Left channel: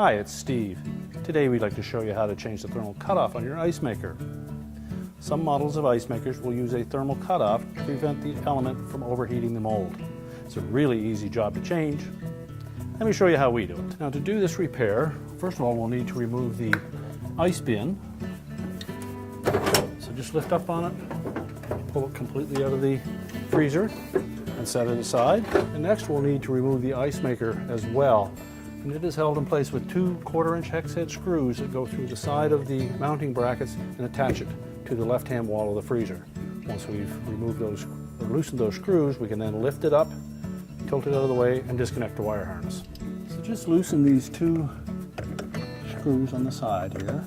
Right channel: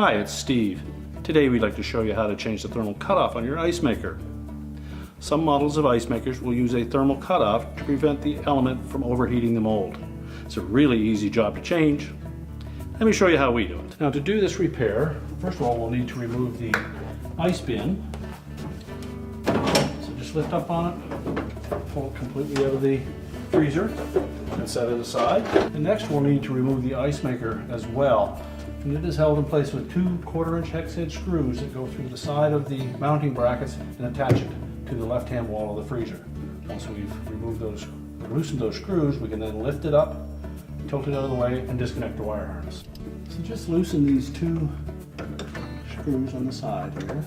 Hi, it's Steve. Today we'd like to show you how to change the thermal cutoff on your ice maker. Some models of ice makers will use a thermal cutoff to prevent the element from overheating the mold. It's a really easy job to change. Let me show you how we do it. Now to do this repair, first of all we'll need to remove the ice bin. So just lift up on it, pull it completely out of the freezer and set it aside. And next we'll need to remove the ice maker as well. And it is held in place with two 1/4-inch hex head screws that go through the side of the mounting brackets and attach it to the left-hand wall of the freezer. Once we've removed those, or loosened those screws, we can then lift it up, tilt it out of the way, and disconnect the wire harness. So just loosen these two screws on the side here.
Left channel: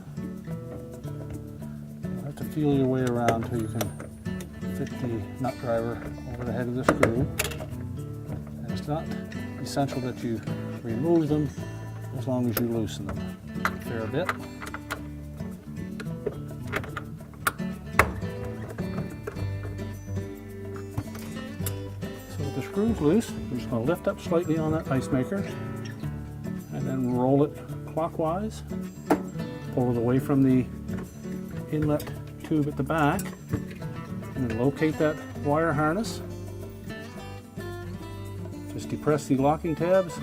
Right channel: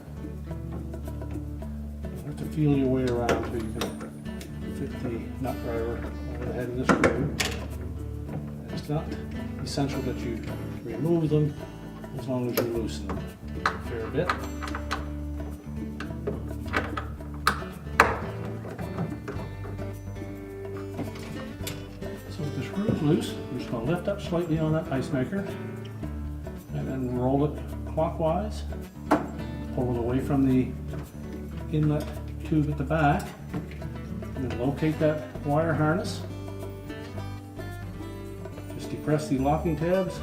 You have to feel your way around so you can fit the nut driver over the head of the screw. And it's not essential that you remove them as long as you loosen them a fair bit. So with the screws loose, we're just going to lift up slightly on that ice maker and then roll it clockwise, pull it away from the inlet tube at the back, and then locate that wire harness. Just depress the locking tabs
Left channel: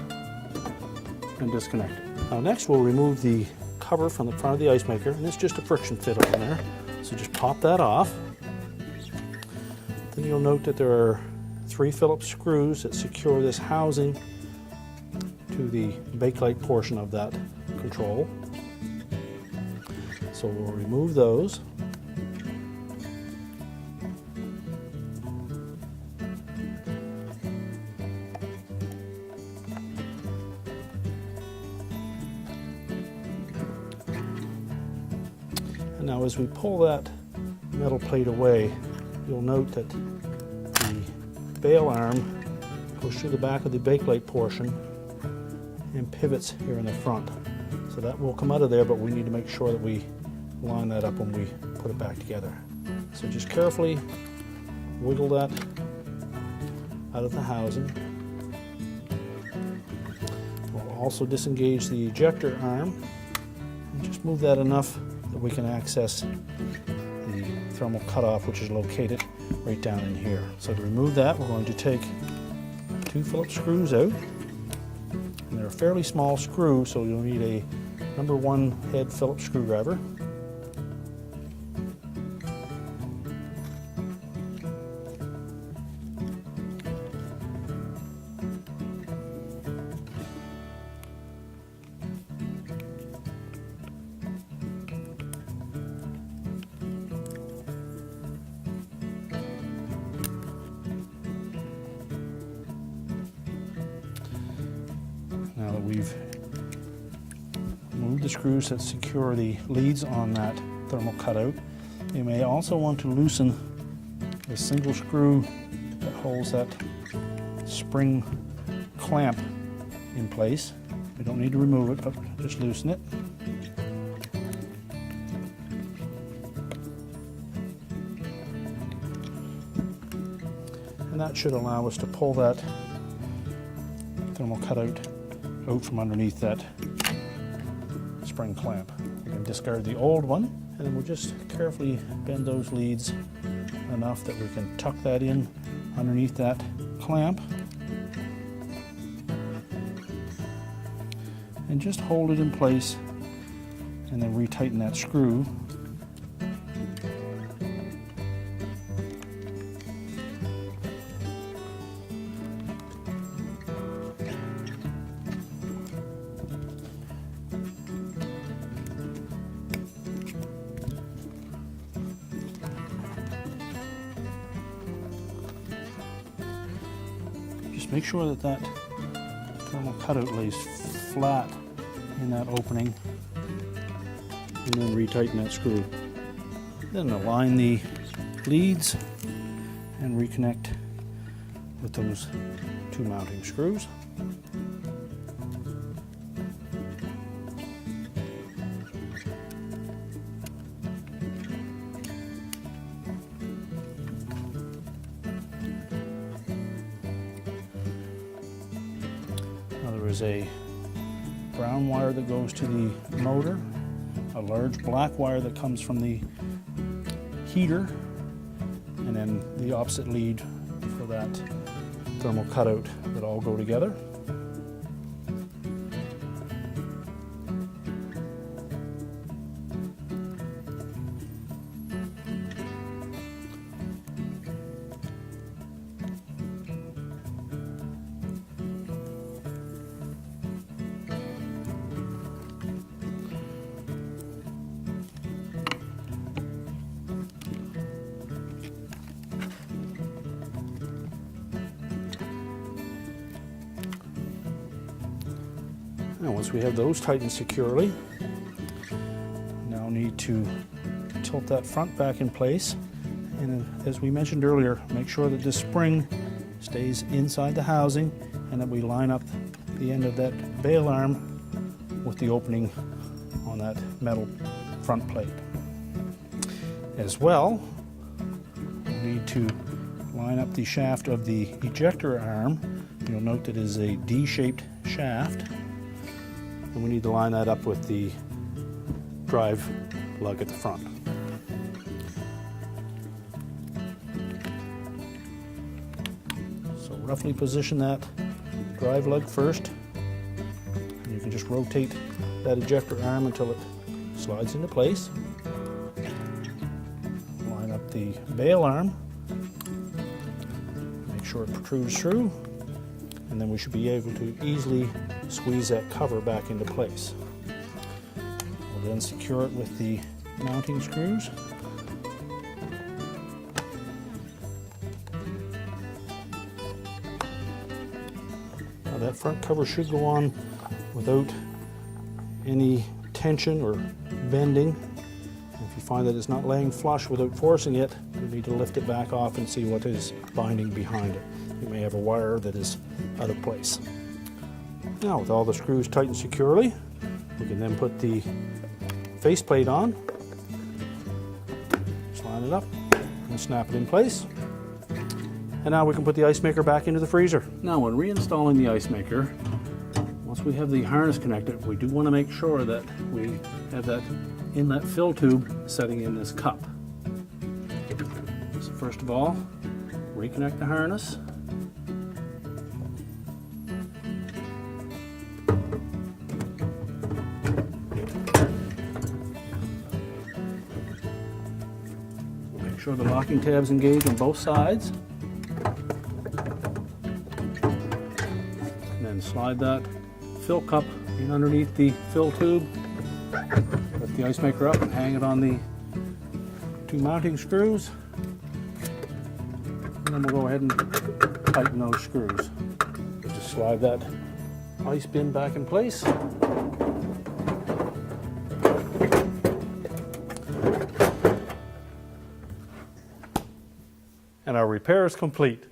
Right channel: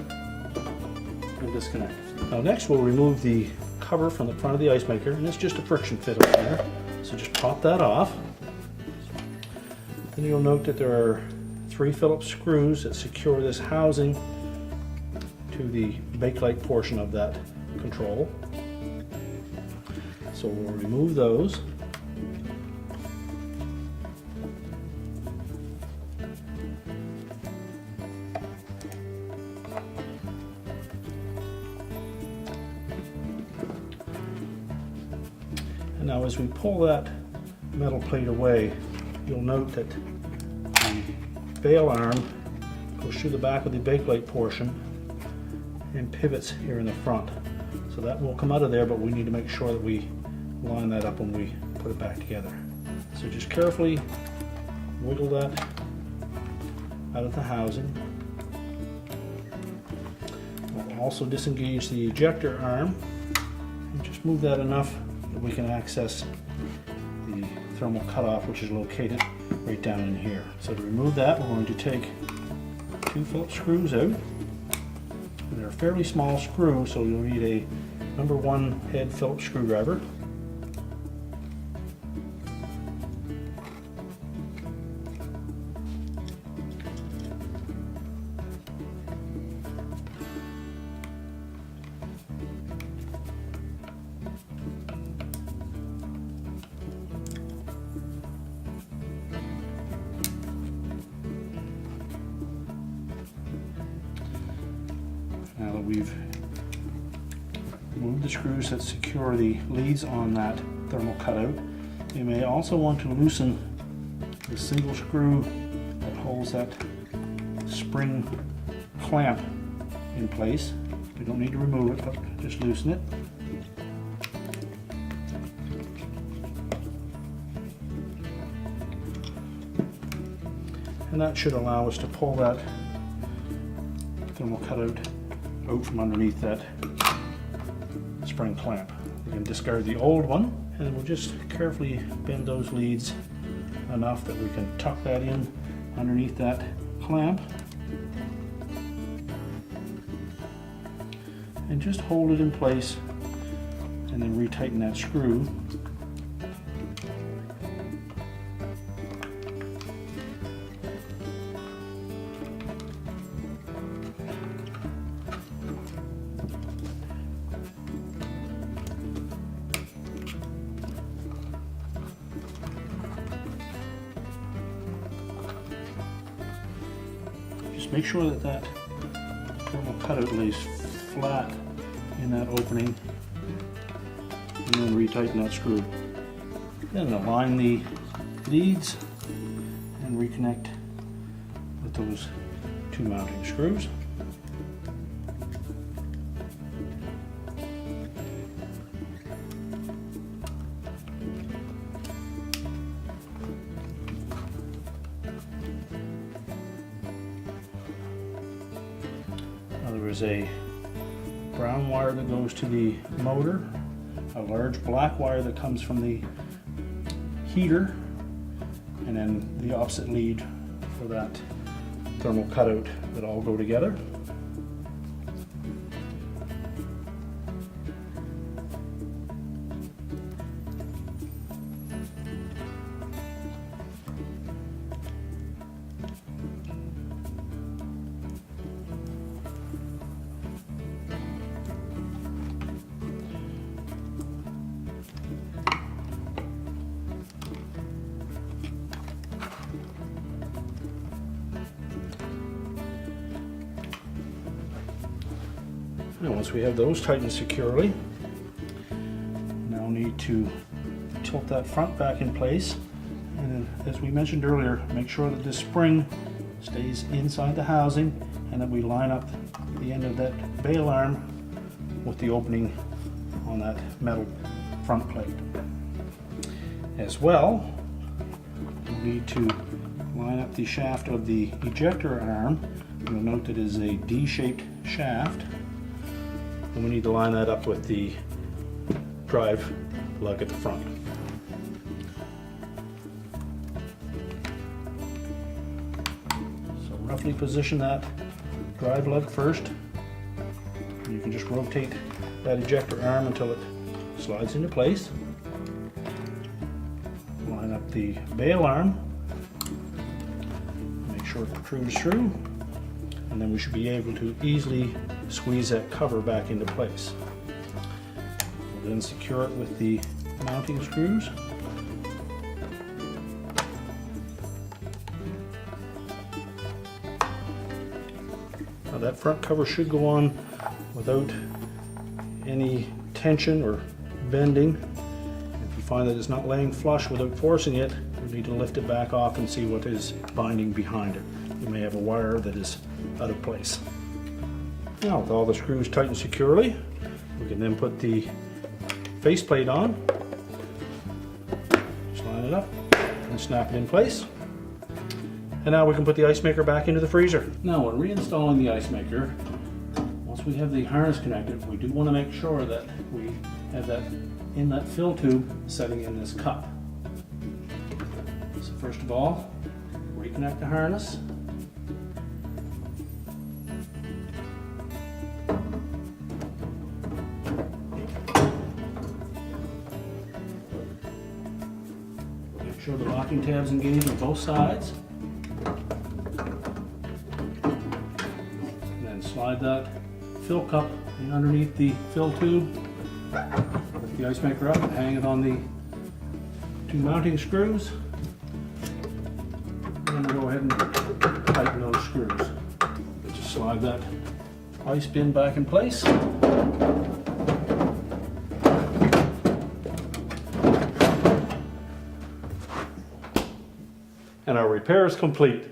and disconnect. Now next we'll remove the cover from the front of the ice maker, and it's just a friction fit over there. So just pop that off. Then you'll note that there are 3 Phillips screws that secure this housing to the bakelite portion of that control. So we'll remove those. Now as we pull that metal plate away, you'll note that the bail arm goes through the back of the bakelite portion and pivots here in the front. So that will come out of there, but we need to make sure that we line that up when we put it back together. So just carefully wiggle that out of the housing. We'll also disengage the ejector arm. Just move that enough that we can access the thermal cutoff, which is located right down in here. So to remove that, we're going to take 2 Phillips screws out. And they're a fairly small screw, so you'll need a number 1 head Phillips screwdriver. Now that we've moved the screws that secure the leads on that thermal cutout, you may also want to loosen the single screw that holds that spring clamp in place. You don't need to remove it, but just loosen it. And that should allow us to pull that thermal cutout out from underneath that spring clamp. We're going to discard the old one, and we'll just carefully bend those leads enough that we can tuck that in underneath that clamp and just hold it in place and then retighten that screw. Just make sure that that thermal cutout lays flat in that opening, and then retighten that screw. Then align the leads and reconnect with those 2 mounting screws. There's a brown wire that goes to the motor, a large black wire that comes from the heater, and then the opposite lead for that thermal cutout that all go together. Now once we have those tightened securely, now need to tilt that front back in place, and as we mentioned earlier, make sure that this spring stays inside the housing and that we line up the end of that bail arm with the opening on that metal front plate. As well, we need to line up the shaft of the ejector arm. You'll note that it is a D-shaped shaft. And we need to line that up with the drive lug at the front. So roughly position that drive lug first. And you can just rotate that ejector arm until it slides into place. Line up the bail arm. Make sure it protrudes through. And then we should be able to easily squeeze that cover back into place. We'll then secure it with the mounting screws. Now that front cover should go on without any tension or bending. If you find that it's not laying flush without forcing it, you need to lift it back off and see what is binding behind it. You may have a wire that is out of place. Now with all the screws tightened securely, we can then put the faceplate on, just line it up and snap it in place. And now we can put the ice maker back into the freezer. Now when reinstalling the ice maker, once we have the harness connected, we do want to make sure that we have that inlet fill tube setting in this cup. So first of all, reconnect the harness. Make sure the locking tab's engaged on both sides. And then slide that fill cup in underneath the fill tube. Lift the ice maker up and hang it on the two mounting screws. And we'll go ahead and tighten those screws. Just slide that ice bin back in place. And our repair is complete.